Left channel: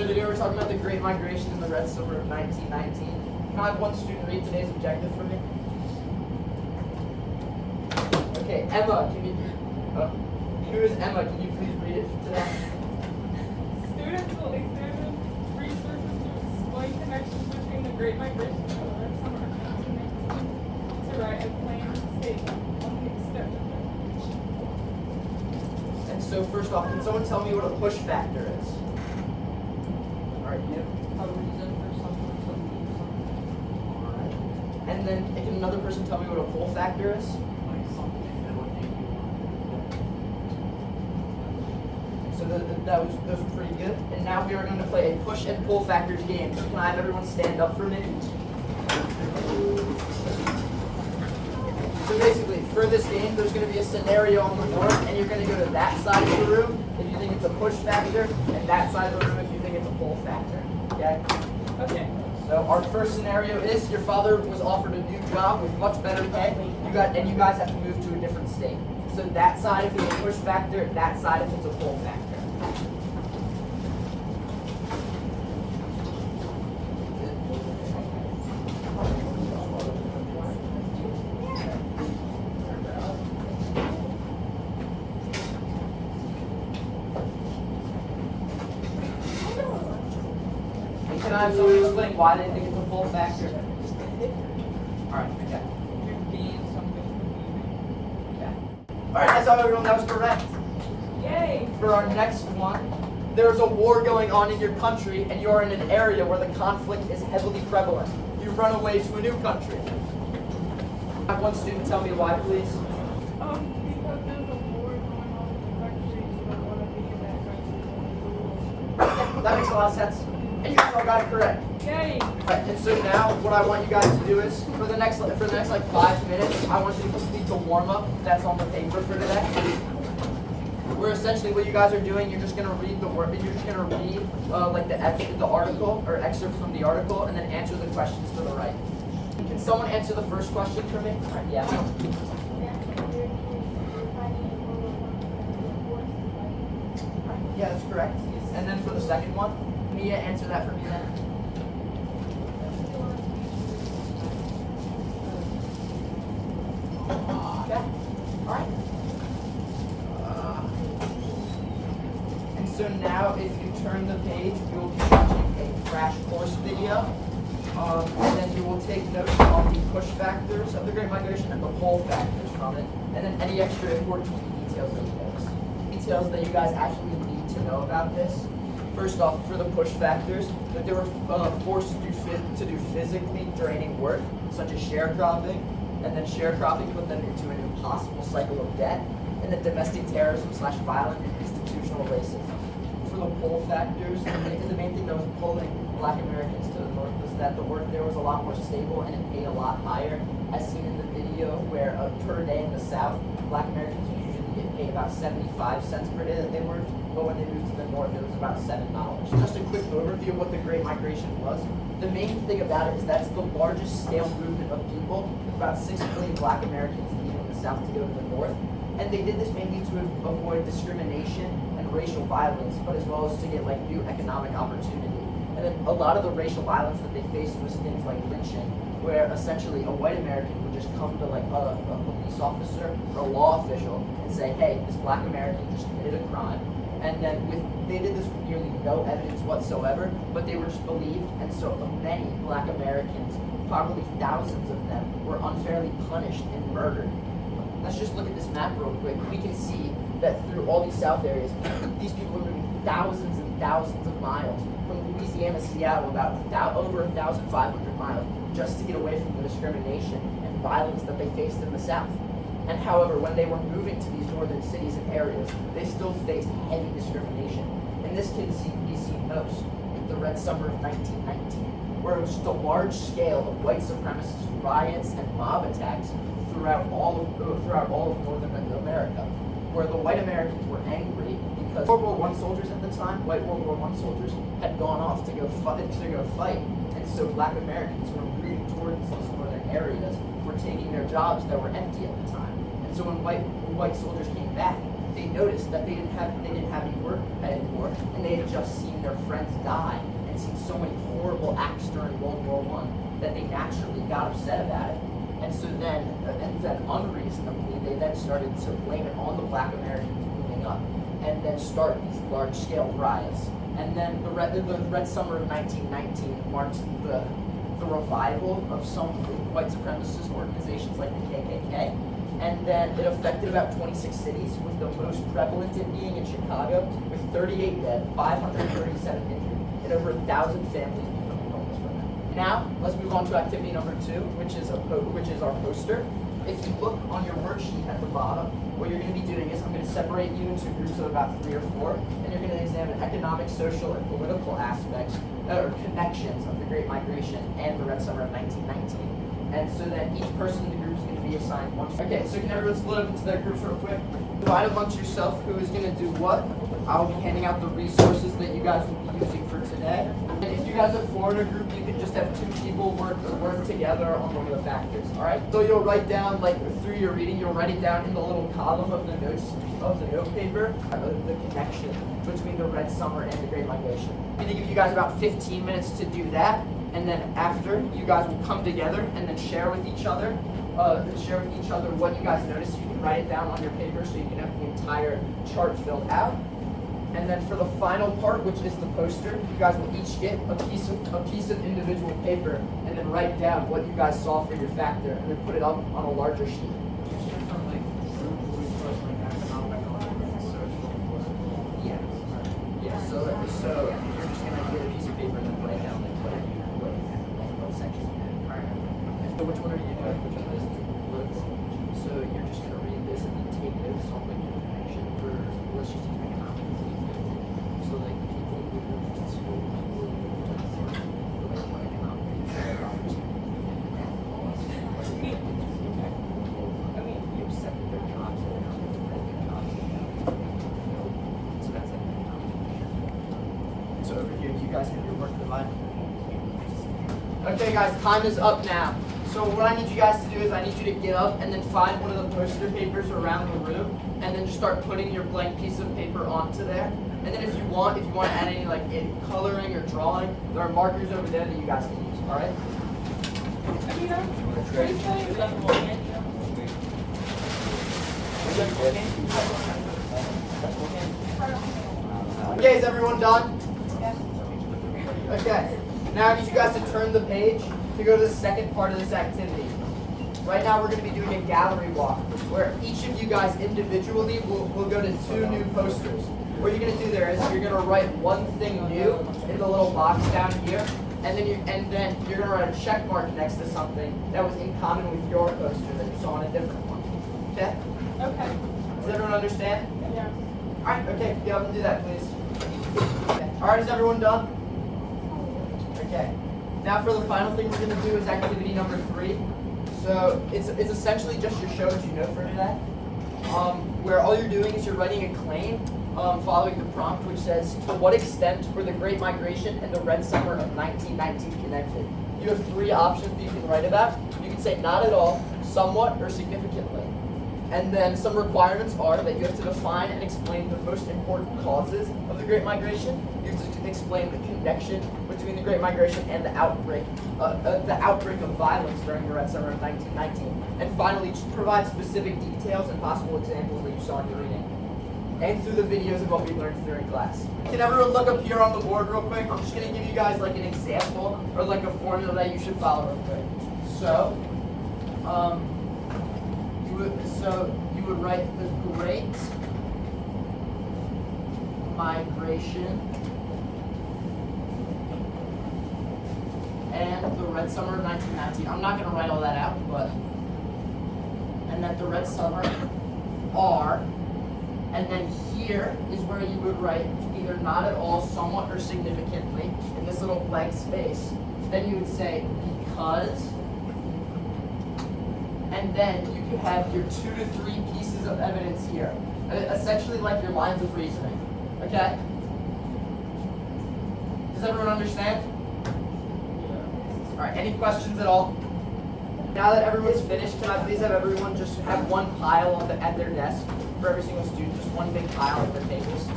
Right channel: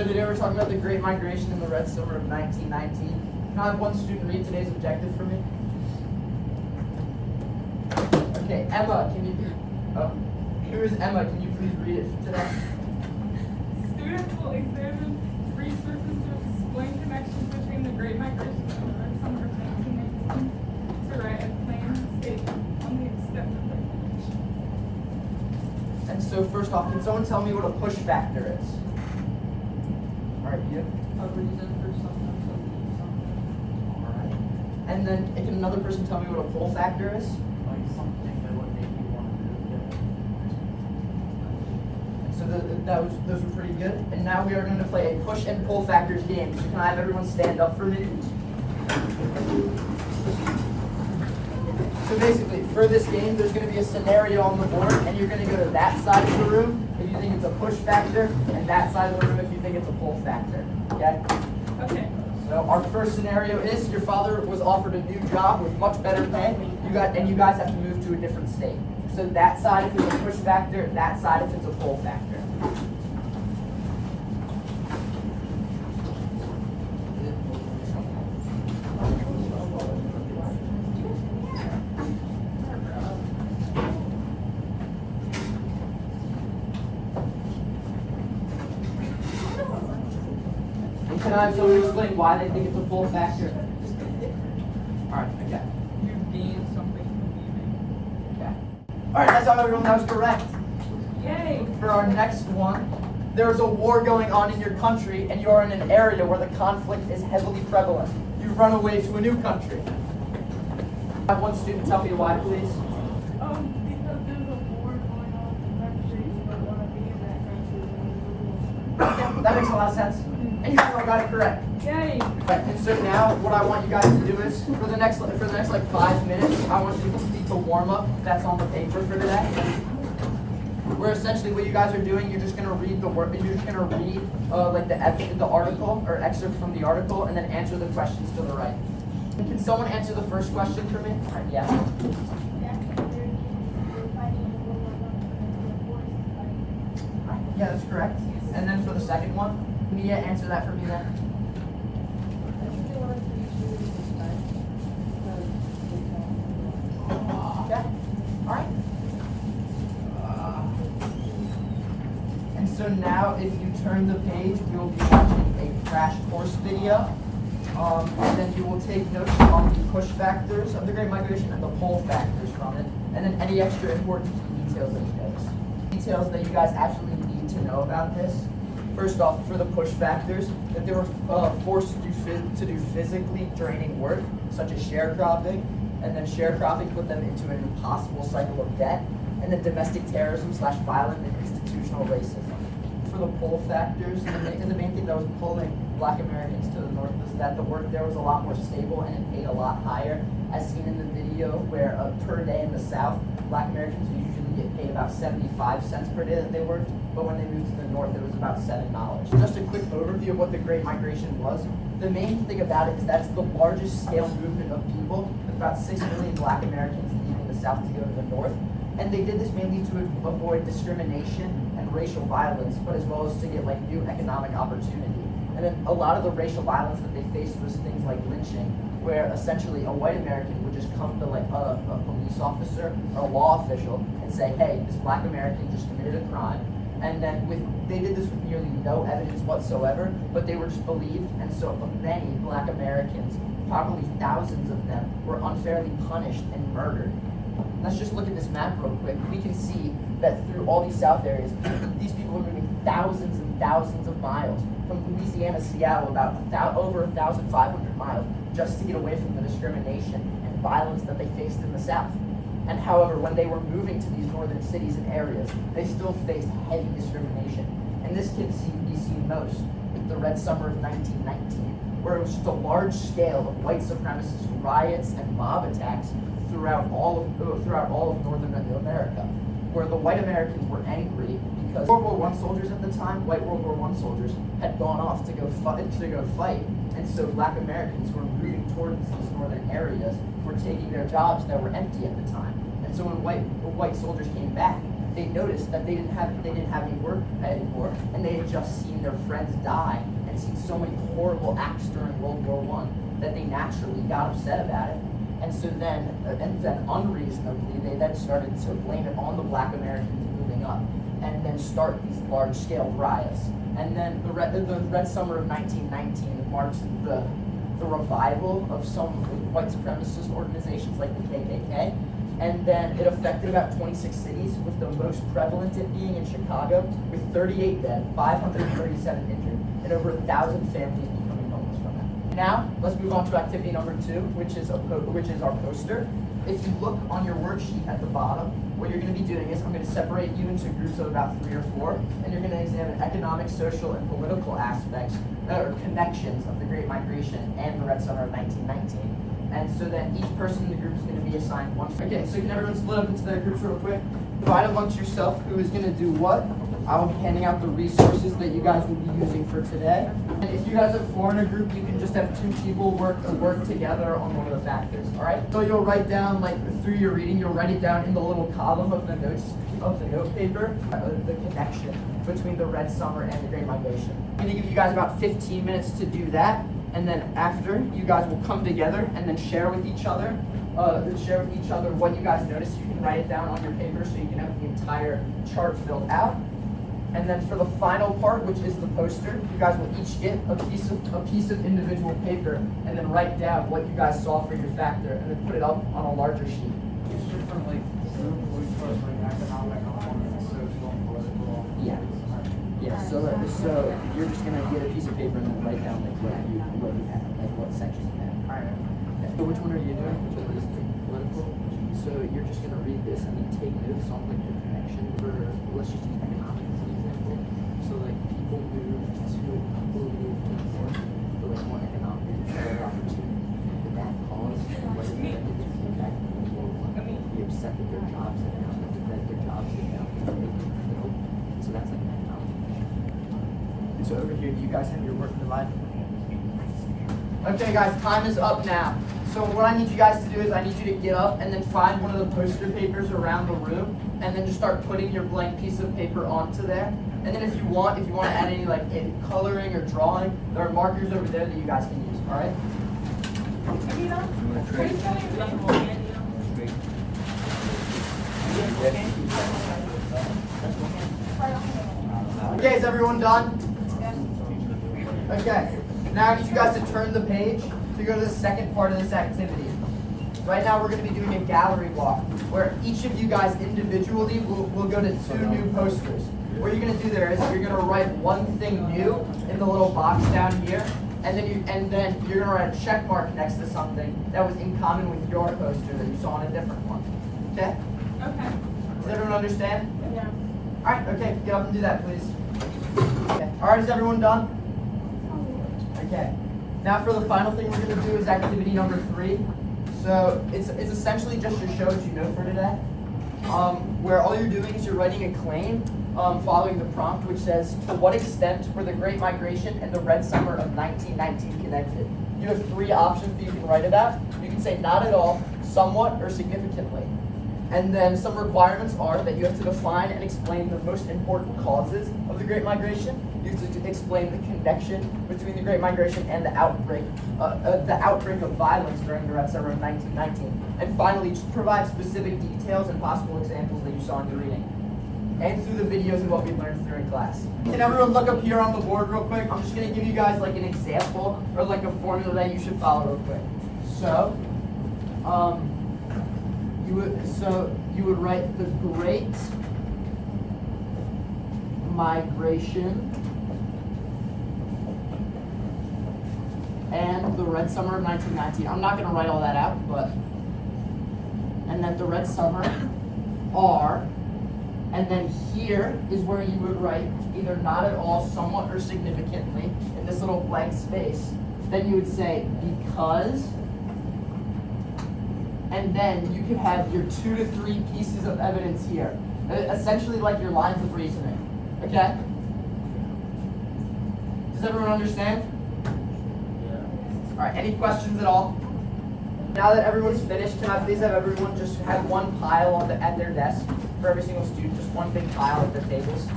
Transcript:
So today we're talking about the Great Migration in the Red Summer of 1919. Can I have one student read today's objective for me? Okay, Emma, can you? Who is Emma? Can you please read it today? Students will examine resources to explain connections between the Great Migration and the Red Summer of 1919 to write a plain statement on the extent of migration. And so first off, can someone tell me what a push factor is? All right, you. Alright. And then can another person tell me what a pull factor is? So those were pretty good. And now we are going to play a push and pull factors game. So can I have everyone stand up for me? So basically, for this game, there's going to be a scenario on the board, and you're going to go to that side of the room if you think it's a push factor, and that side of the room if you think it's a pull factor. Okay? Okay. So our first scenario is your father was offered a new job with much better pay. You guys have to move to a different state. So that side if it's a push factor, that side if it's a pull factor. Can I have someone explain why they think it's a pull factor? Alright, okay. You gain something from leaving. Yeah. Alright, that's all everyone, that was correct. Yay! For our next one, there's a war going on in your country and you're in an area where the conflict is heavily prevalent. You run away to a new country. Have one student tell me why, please. Because there's a war going on in the country, so I want to be in that country. That makes a lot of sense. And you all got it correct. Yay! And so now, what I want you guys to do is, for the next like 5 minutes, I want you to complete the warm-up that's on the paper for today. Where essentially what you guys are doing, you're just gonna read the word, you're just gonna read like the article or excerpts from the article, and then answer the questions to the right. Can someone answer the first question for me? Yeah. Yeah, that's correct. And then for the second one, Mia, answer that for me then. Yeah. All right. And so now, if you turn the page, we'll be watching a crash course video. And then you will take notes on the push factors of the Great Migration and the pull factors from it. And then any extra important details that you notice. Details that you guys absolutely need to know about this. First off, for the push factors, that they were forced to do physically draining work, such as sharecropping, and then sharecropping put them into an impossible cycle of debt, and then domestic terrorism / violent and institutional racism. For the pull factors, the main thing that was pulling Black Americans to the north was that the work there was a lot more stable and it paid a lot higher, as seen in the video where per day in the South, Black Americans would usually get paid about 75 cents per day that they worked, but when they moved to the north, it was about $7. Just a quick overview of what the Great Migration was. The main thing about it is that it's the largest scale movement of people, about 6 million Black Americans leaving the South to go to the north, and they did this mainly to avoid discrimination and racial violence, but as well as to get like new economic opportunity. And then a lot of the racial violence that they faced was things like lynching, where essentially a white American would just come to like a police officer or a law official and say, hey, this Black American just committed a crime. And then they did this with nearly no evidence whatsoever, but they were just believed, and so many Black Americans, probably thousands of them, were unfairly punished and murdered. Let's just look at this map real quick. We can see that through all these South areas, these people are moving thousands and thousands of miles from Louisiana, Seattle, about over 1,500 miles, just to get away from the discrimination and violence that they faced in the South. And however, when they were moving to these northern cities and areas, they still faced heavy discrimination. And this can be seen most in the Red Summer of 1919, where it was just a large scale of white supremacist riots and mob attacks throughout all of northern America, where the white Americans were angry because World War I soldiers at the time, white World War I soldiers, had gone off to go fight, and so Black Americans were moving towards these northern areas, were taking their jobs that were empty at the time. And so when white soldiers came back, they noticed that they didn't have any work anymore, and they had just seen their friends die and seen so many horrible acts during World War I that they naturally got upset about it. And so then, unreasonably, they then started to blame it on the Black Americans moving up, and then start these large-scale riots. And then the Red Summer of 1919 marks the revival of some white supremacist organizations like the KKK. And then it affected about 26 cities, with the most prevalent it being in Chicago, with 38 dead, 537 injured, and over 1,000 families becoming homeless from it. Now, let's move on to activity number 2, which is our poster. If you look on your worksheet at the bottom, what you're going to be doing is I'm going to separate you into groups of about 3 or 4, and you're going to examine economic, social, and political aspects or connections of the Great Migration and the Red Summer of 1919. And so then each person in the group is going to be assigned one. Okay, so can everyone split up into their groups real quick? Divide amongst yourself who is going to do what. I will be handing out the resources that you guys will be using for today. And if you guys are 4 in a group, you can just have 2 people work together on one of the factors, all right? So you'll write down, like, through your reading, you'll write it down in the little column of the notes, of the note paper, the connection between the Red Summer and the Great Migration. I'm going to give you guys about 15 minutes to do that. And then after, you guys will come together and then share with each other what you guys noticed. You can write it down on your paper so you can have the entire chart filled out. And then for the final part, which is the poster, you guys will each get a piece of individual paper and then write down what you guys saw for your factor and then put it up on a larger sheet. From like group resource, like economic, social, political. Yeah. Yeah. So you're just gonna get a piece of paper and then write down like what you have, like what sections you have. Alright. Okay. So which one are you doing? Which one is political? So you're just gonna read this and then take notes on like your connection for, let's just use economics as an example. So like people moved to the north for like one economic opportunity. The that caused like the impact of the world. They accepted their jobs and now they read their jobs and now so that's like an economic. And so over here, you guys have your work divided. Okay, guys, time is up now. So what I need you guys to do is I need you to get up and then find one of the poster papers around the room, and then just start putting your blank piece of paper onto there. And then if you want to add any like in coloring or drawing, there are markers over there that you guys can use. All right. Okay, is everyone done? Okay. Now I need you guys to turn the page to go to the second part of this activity. Right now we're going to be doing a gallery walk where each of you guys individually will go to 2 new posters. What you're going to do there is you're going to write one thing new in the little box down here, and then you're going to write a check mark next to something that was in common with your poster that you saw on a different one. Okay? Okay. Does everyone understand? Yeah. Alright, okay, get up and do that, please. Okay. Alright, is everyone done? Okay. Now for the final thing we're going to do is activity number 3. So it's essentially just your show as you know for today. Where all you're doing is you're writing a claim following the prompt, which says, to what extent were the Great Migration and the Red Summer of 1919 connected? You have 3 options that you can write about. You can say not at all, somewhat, or significantly. And then some requirements are that you have to define and explain the most important causes of the Great Migration. You have to explain the connection between the Great Migration and the outbreak of violence during the Red Summer of 1919. And finally, just provide specific details and possible examples that you saw in your reading. And through the videos of what we learned during class. Can everyone look up here on the board real quick? I'm just going to give you guys like an example or like a formula that you should follow real quick. So, you would write the Great Migration and the Red Summer of 1919. I'm not going to write all that out, but and then the Red Summer are, and then here is where you would write either not at all, somewhat, or significantly in this little blank space. Then you would say because, and then you could have your 2 to 3 pieces of evidence here, essentially like your lines of reasoning. Okay? Does everyone understand? All right. Any questions at all? Now that everyone's finished, can I please have everyone just have one pile at their desk for every single student, just one big pile at their tables?